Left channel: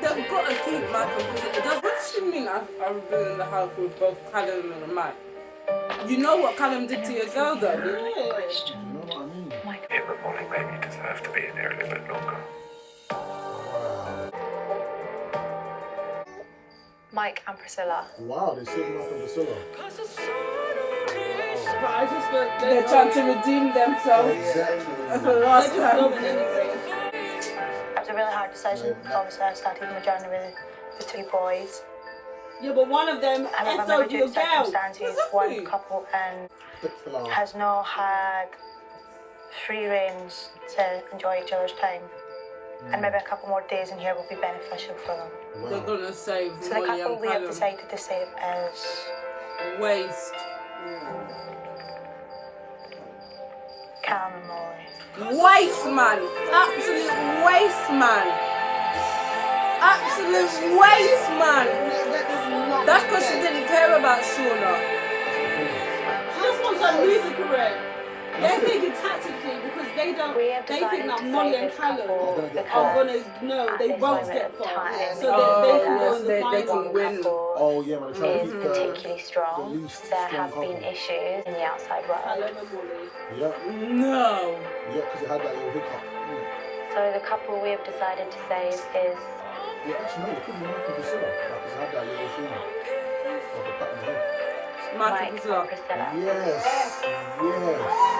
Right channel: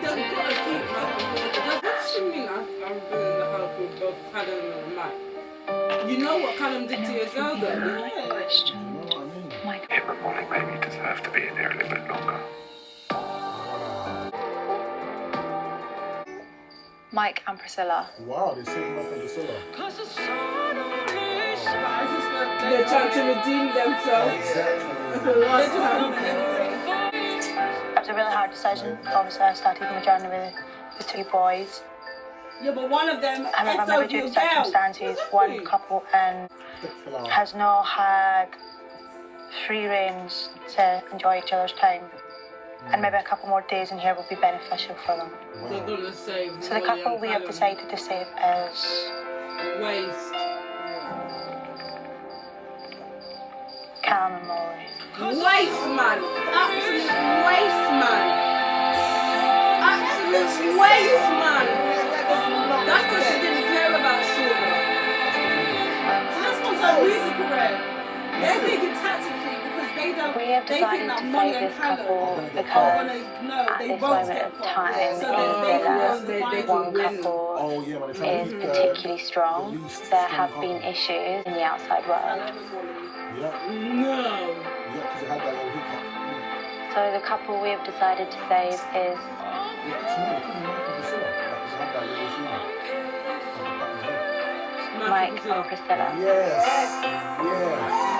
They've got to keep Michael Priscilla. What does she mean I'm doing in the house with both Callum and Mike? You know what Callum did to your girl though? You know what I mean? It would only make me deserve to be in here a little bit longer. Wow. Mike and Priscilla. Wow, they saved Mike and Priscilla. But I just feel they're trying to redeem themselves. Exactly. For the last time. It was a really hard decision. Obviously, I started my journey with two boys. Yeah, but one of them I left remember over due your to girl. circumstances, one couple has not had free range to enjoy each other's time. And maybe a couple more days in here will be beneficial for them. Wow. They're gonna save So the Molly couple and we have Callum. decided to save is Waste. Callum and Molly. Waste, man. Absolute waste, man. Absolute waste, man. That's because she didn't care about Shauna. She just wants her music career. They're thinking tactically because they think that Molly and Callum are gonna they won't get far. So they can go in the final. They can win. Oh yeah, man, they're trying to keep Particularly strong. the least There strong have couple. been issues in the outside world. Callum and Molly. Yeah, No. yeah, because it had that little hiccup. So the couple we have decided to save is Yeah, actually no, it couldn't be Mike and Priscilla. Because it had that little thing of the pattern head. Mike Mike and and Priscilla. Yes, yes.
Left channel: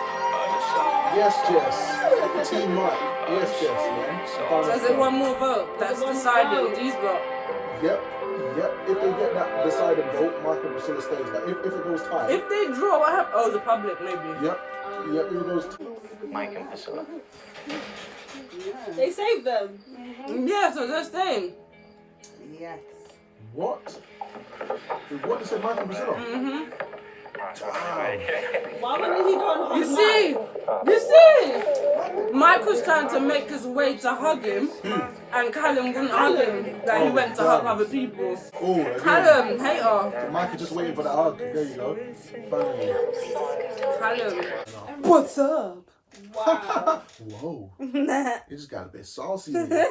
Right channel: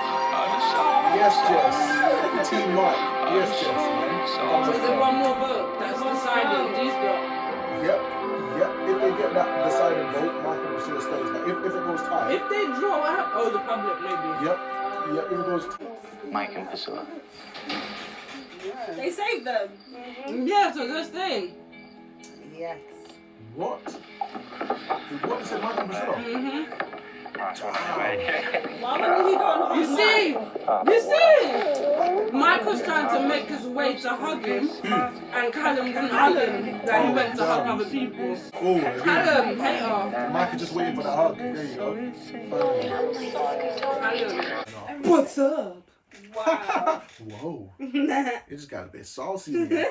Yes, Jess. Team Mike. Yes, Jess, man. So is there one more vote that's decided these got? Yep, yep. If they get that decided vote, Mike and Priscilla stays. Like if it goes tight. If they draw, what happens? Oh, the public maybe. Yep, yep. If it goes Mike and Priscilla. They saved them. Yeah, so they're staying. Yes. what? What is it, Mike and Priscilla? Mm-hmm. Damn. Why wouldn't he go and hug You see? Mike was trying to make his way to hug him, and Callum wouldn't hug him. Like he went to hug other people. Oh, again. Callum, hater. Mike is just waiting for that hug. There you go. Finally. Callum. What's up? Wow. Whoa. It just got a bit saucy. Man.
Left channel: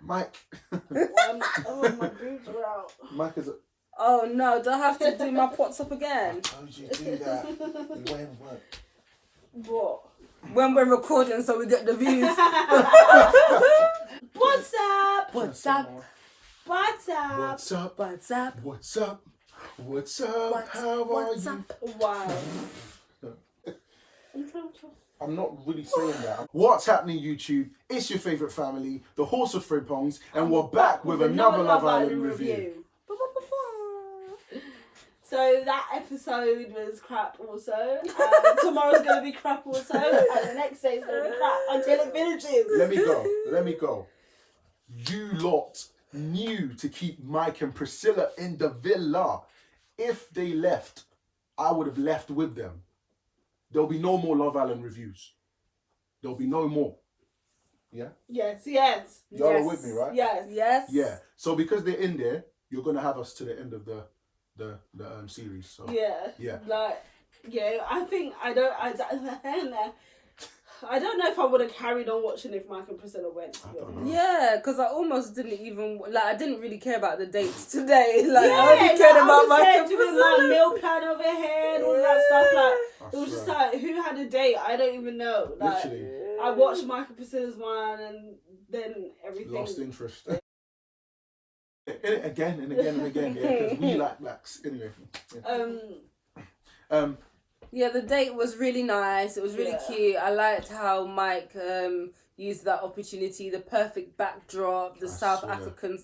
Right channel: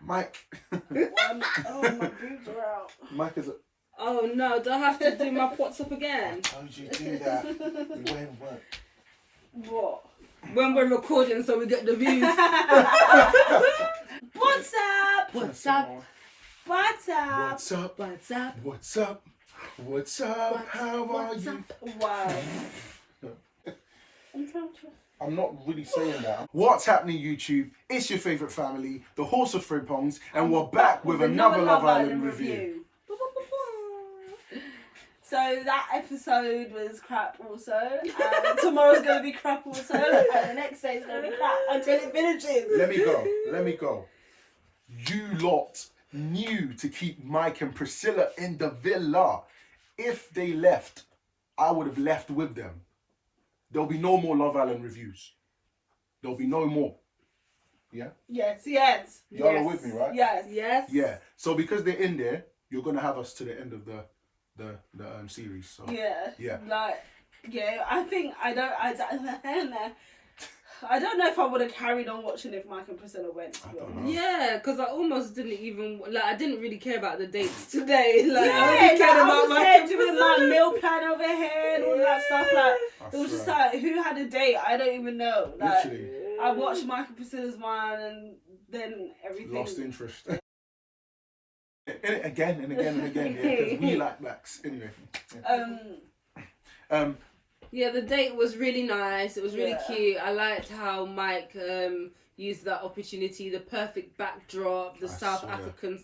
Mike. Oh, my boobs are out. Mike is. Oh no, do I have to do my what's up again? How did you do that? When? What? What? When we're recording so we get the views. What's up? What's up? What's up? What's up? What's up? What's up? What's up? How are you? Wow. I'm not really saying that. What's happening, YouTube? It's your favourite family, the Horse of Frippongs, and we're back with another Love Island review. So that episode was crap also. Tomorrow's going to be crap also. And the next day is going to be crap until it finishes. Let me go. You lot knew to keep Mike and Priscilla in the villa. If they left, I would have left with them. There'll be no more Love Island reviews. There'll be no more. Yeah? Yes. Y'all are with me, right? Yes. Yeah. So because they're in there, you're going to have us to the end of the series. So Yeah. Like, yeah, I think I don't know if I would have carried on watching if Mike and Priscilla went. I don't know. Yeah, because I almost didn't even I didn't really care about the dates today. Like Yeah, I only cared about I was Mike there and doing Priscilla. my meal plan over here and all that stuff. Like I it was just swear. like, who had a date? I don't even know. Like Literally. I watched Mike and Priscilla's one and then everything. Lost interest. Again and again and again, because we like blacks. Anyway. Yeah, the date was really nice. It was really cute. I liked how Mike used that opportunity, the perfect backdrop, the South African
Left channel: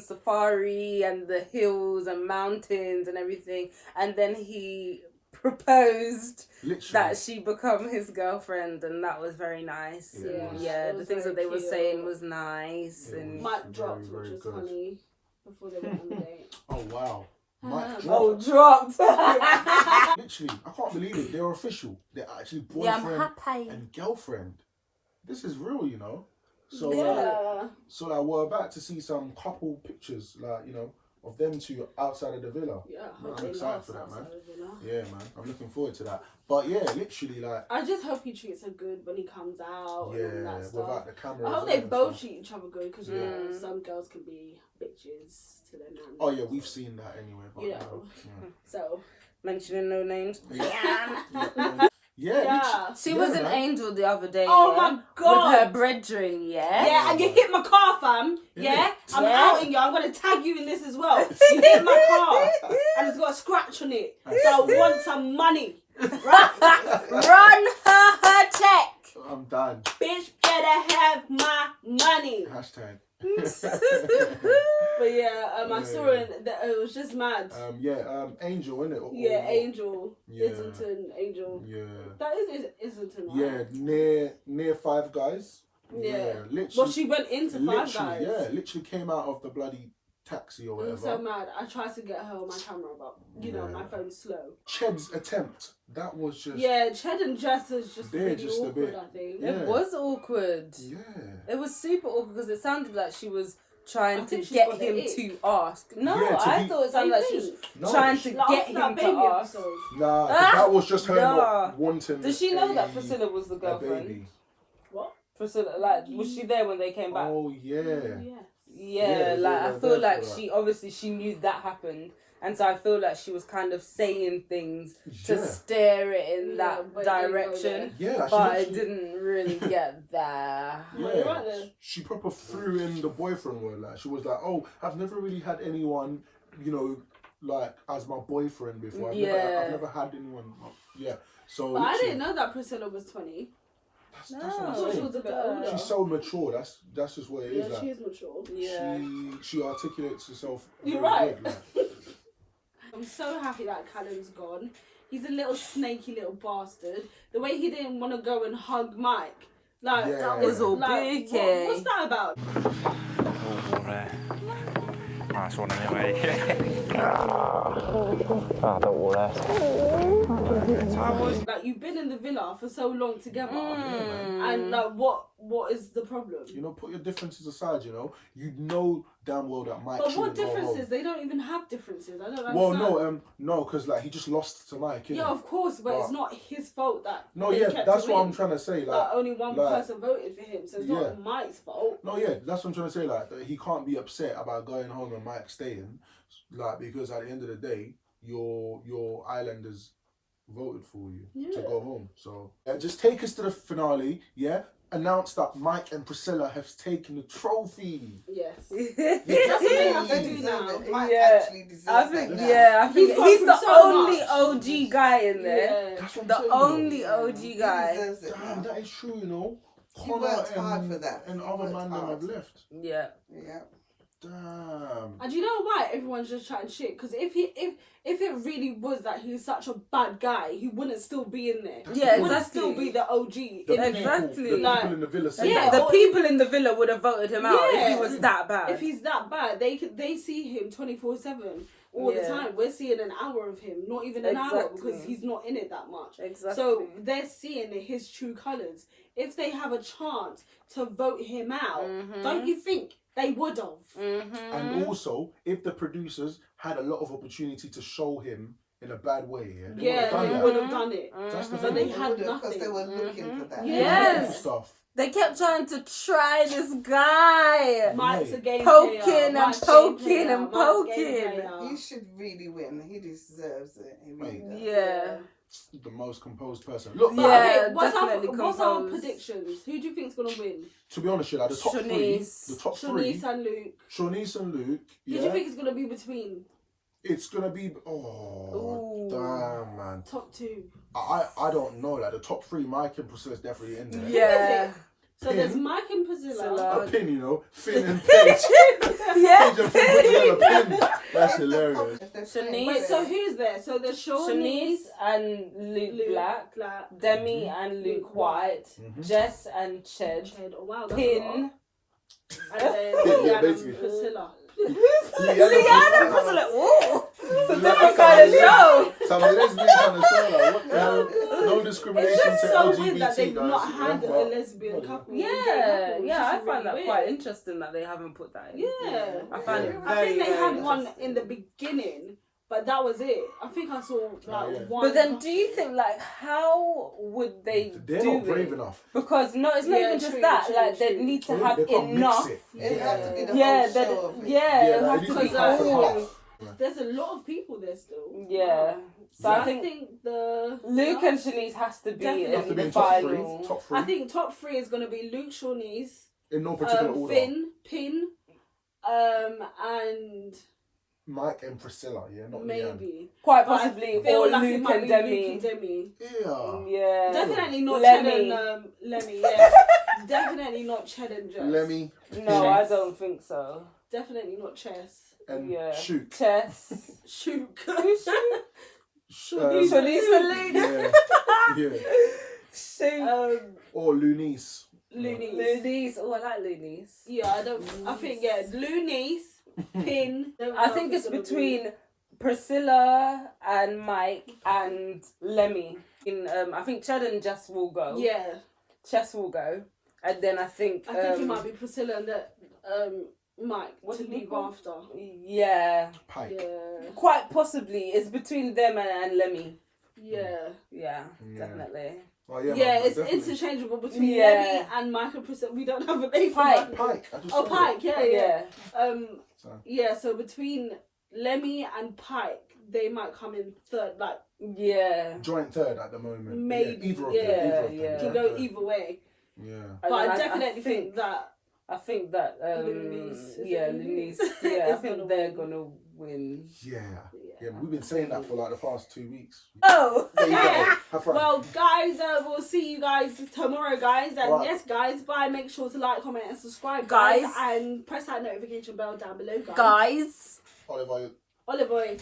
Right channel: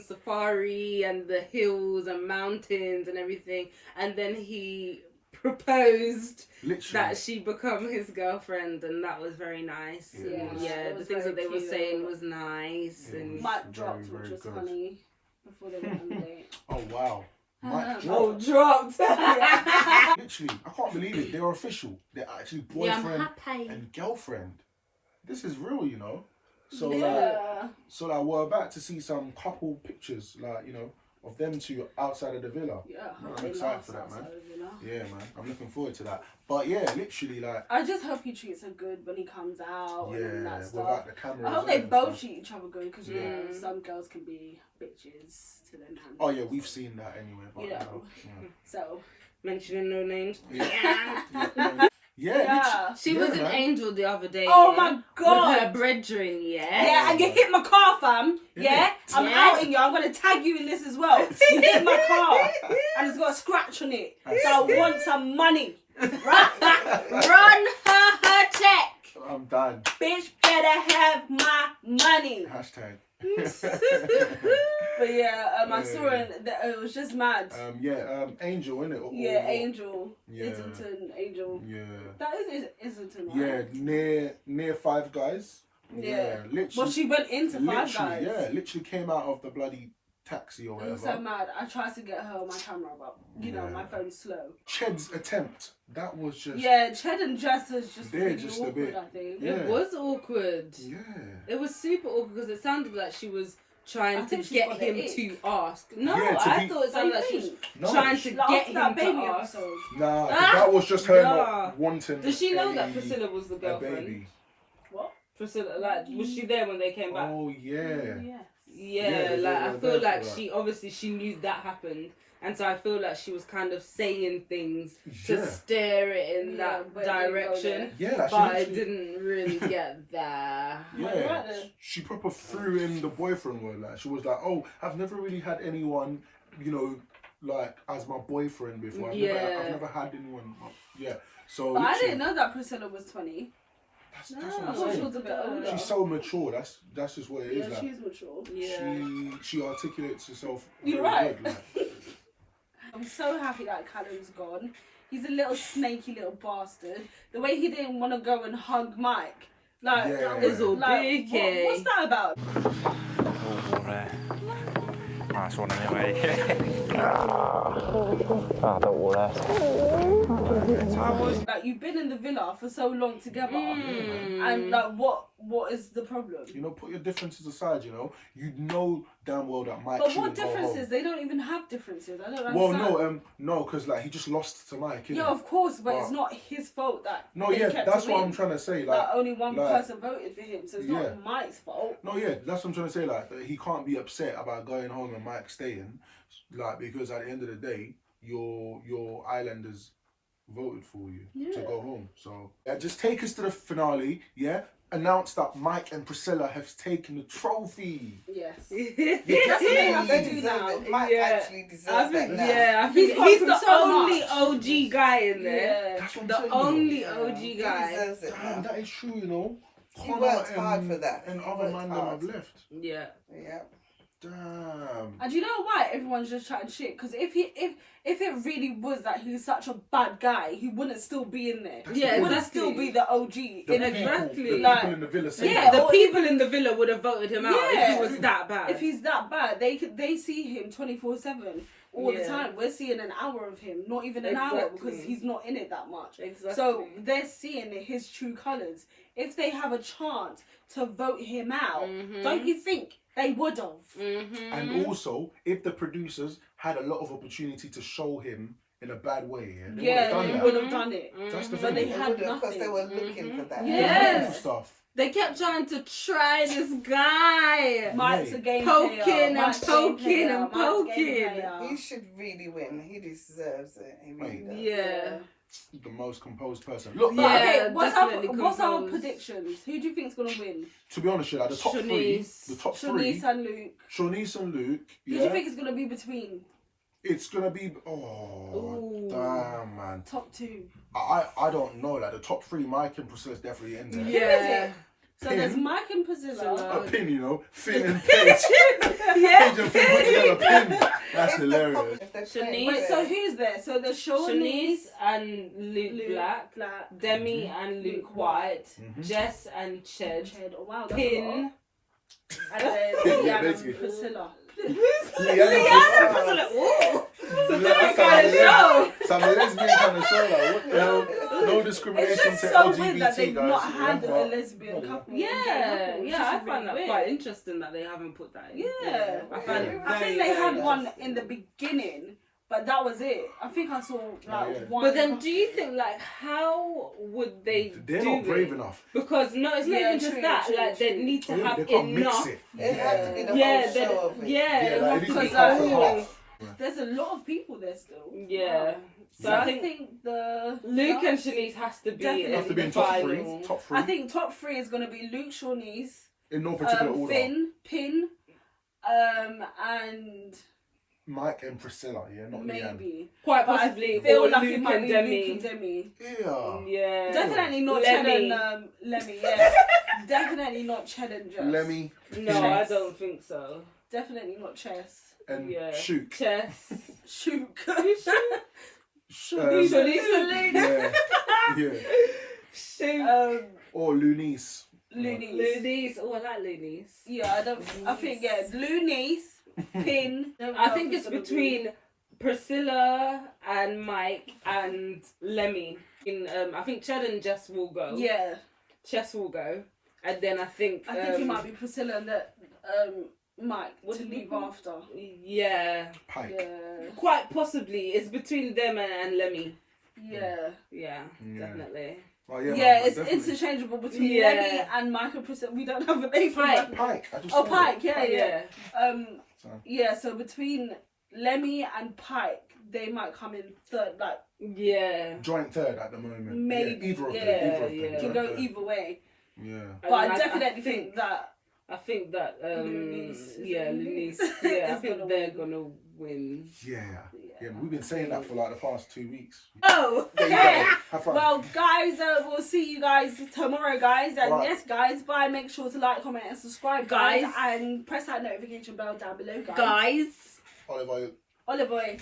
safari and the hills and mountains and everything. And then he proposed that she become his girlfriend, and that was very nice. Yeah, the things that they were saying was nice. And Mike dropped, which was funny, before they went on the date. Oh wow. Mike dropped. Oh, dropped. Literally, I can't believe it. They're official. They're actually boyfriend and girlfriend. This is real, you know. So, so like we're about to see some couple pictures, like of them two outside of the villa. Yeah, I'm excited for that, man. outside of the villa. Yeah, man. I'm looking forward to that. But yeah, literally, like, I just hope he treats her good when he comes out and all that stuff. without the camera. I hope they both treat each other good because you know some girls can be bitches to their man. Oh yeah, we've seen that anyway. But, You know. So Mentioning no names. Yeah. She was an angel the other day. Oh my God. With her brethren, yeah. yeah, and you hit my car, fam. Yeah, I'm outing you. I'm gonna tag you in this as well. You hit my car, and it's got a scratch on it. So I want some money. Run her check. I'm done. Bitch, better have my money. Hashtag. But yeah, I saw it. It was just mad. Angel, innit? Yeah, Angel. Yeah. Islington, Angel. Yeah. That is Islington, right? Yeah, near Five Guys. Yeah. Literally. Well, she went into Five Guys. Yeah, literally came out of the bloody taxi or I'm whatever. so mad. I tried to get her on my camera, but you know my phone's slow. Ched's attempt. That was just. Yeah, Ched and Jess is just They're really just a awkward, bit- I think. Yeah. It was awkward. Yeah. It was super awkward because it sounded like she was trying I to think she's get got the him ick. to ask. No, Yeah, to I be- thought it sounded like she was No. trying to Like, get after him that baby to ask. episode. Nah, that was just her Yeah. not wanting. Does she know a- that Priscilla was the a girlfriend? baby. What? Priscilla, like, was she there when they came back? Oh yeah. Yeah. Yeah, Yeah, like they I were feel there like for that. she obviously she knew that happened, and so I feel like she was kind of saying things to Yeah. steer it in Yeah, that but it didn't go direction. Yeah, like she But it literally- didn't really get there. Well, you're right then. she proper threw in the boyfriend word. Like she was like, "Oh, I've never really had anyone, you know, like as my boyfriend before. I've never had anyone." Yeah, so But I literally- didn't know that Priscilla was 20. That's what I I'm thought she saying. was a bit older. She's so mature. That's just what it is. Yeah, like, she is mature. Yeah. she articulates herself. You're very right. good, like. I'm so happy that Callum's gone. He's a little snaky little bastard. The way he didn't want to go and hug Mike. Like, Yeah. that was It's all like, big, what's that about? Nice one anyway. Don't worry. Like, you've been in the villa for so long together. And like, what is the problem? You know, put your differences aside. You know damn well that Mike. But what shouldn't go home. differences? They don't even have differences. I don't understand. Well, no, because like he just lost to Mike. Innit? Yeah, of course, but it's not his fault that. No, they yeah, kept that's him what in. I'm trying to say. Like, Like, only one like- person voted for him, so it's Yeah. not Mike's fault. no, yeah, that's what I'm trying to say. Like, that he can't be upset about going home and Mike staying, like, because at the end of the day, your Islanders voted for you to go home. So just take us to the finale. Yeah, announce that Mike and Priscilla have taken the trophy. Yes. That's what they have to do deserve now. it. Mike Yeah. actually deserves I think, that. yeah, I think He's gone he's through the so only much. OG guy in there. Yeah. That's what I'm The saying. only Yeah. OG He guy. deserves it. Damn, that is true. He worked hard for that. And He other worked man that hard. have left. Yeah. Yeah. Damn. And you know why everyone's just chatting shit? Because if it really was that he's such a bad guy, he wouldn't still be in there. Yeah, he wouldn't exactly. still be the OG. The in people, Exactly. The Like, people in the villa say yeah, that. The or people in the villa would have voted him out if Yeah. he was that bad. If he's that bad, they see him 24/7 all the Yeah. time. We're seeing an hour of him, not even an hour, Exactly. because he's not in it that much. Exactly. So they're seeing his true colours. If they have a chance to vote him out, don't you think they would have? And also, if the producers had a lot of opportunity to show him in a bad way, they Yeah, would they have would done have done it. That's the But thing. they They had would have, because nothing. they were looking for that. Yes. Stuff. They kept trying to try this guy. Mike's a game Poking player. and Mike's a game poking player. and Mike's a game poking. player. He should really win. He deserves it. He really Mate. does. Yeah. The most composed person. Look, But Yeah, okay, what's definitely our composed. predictions? Who do you think's gonna win? to be honest, like the top three, Shanice. the top Shanice three, and Luke. Shanice and Luke. Who do Yeah, you think is gonna be between it's gonna be. Ooh. Damn, man. top two? I don't know. Like the top three, Mike and Priscilla's definitely in there. Yeah. So Pin. there's Mike and Priscilla. A pin, Finn and Paige. Yeah. Paige and Finn put together a pin. That's If hilarious. they're Shanice. playing Wait, fair. so who's there? So there's Shanice Shanice, and Luke Black. Demi and Luke Luke White. Mhm. Jess and Ched. Ched. Oh wow, that's a lot. Pin. And then Yeah, Leanne basically. and Priscilla. Leanne and Priscilla. It's a different kind of show. Some lesbian kind of show. Like, what the hell? No discrimination It's to just so LGBT weird that they've guys. not had but- a lesbian couple. Yeah, It's yeah, just I find really that weird. quite interesting that they haven't put that in. Yeah. I find it I very, think they very had one interesting. in the beginning, but that was it. I think I saw like yeah. one. But then, do you think like how would they They're do not brave it? enough. Because no, it's not Yeah, even just true, that. true, Like they true. need to They have can't enough. mix it. It had to be the Yeah, whole show of it. yeah, Yeah, it like, has it to needs be to be half and whole. half. There's a lot of people there still. Yeah. So So I I think think the Luke and Shanice has to be Definitely. in Have to be the in top three. final. Top three. I think top three is gonna be Luke, Shawnees, in no particular order. Finn, Pin, and Mike and Priscilla. Yeah, not Leanne. maybe. Quite But possibly, I feel or like it Luke might and be Demi. Luke and Demi. Yeah. Yeah. Definitely not Lemmy. Ched and Lemmy. Yeah. Definitely not Ched and Jess. Lemmy No, I don't think so. Definitely not Chess. and Yeah. Shook. Chess. Shook. Shanice and Yeah. Yeah. Shoot. Or Loonies. Loonies. Loonies. Oh, I like Loonies. Yeah, I think Loonies, Pin. I think it's between Priscilla and Mike and Lemmy. I think Chad and Jess will go. Yeah, Chess will go, and then I think it might be Priscilla and Mike to leave after. Yeah, Pike. Yeah, quite possibly it's between them and Lemmy. yeah. Yeah, Yeah. definitely. Oh, yeah, Yeah, man, it's definitely. interchangeable between Yeah. Lemmy and Mike and Priscilla. We don't have a name for Pike. Mike. Pike. I just Oh, said it. Pike. Yeah. So. Yeah. So between Lemmy and Pike, they might come in third. Like Yeah. Joint third at the moment. Maybe, Yeah, either of yeah, them. Either of yeah. them. it can Joint go third. either way. Yeah. But I definitely think that. I think that Loonies. Is it yeah, Loonies? Loonies. Yeah, I Is think gonna they're win. gonna win. Yeah. Yeah, we've been saying that for like the past 2 weeks. Oh, There you go. Have fun. well, guys, we'll see you guys tomorrow, guys. And Right. yes, guys, bye. Make sure to like, comment, and subscribe, guys. And press that notification bell down below, guys. Guys. Oliver. Olive oil.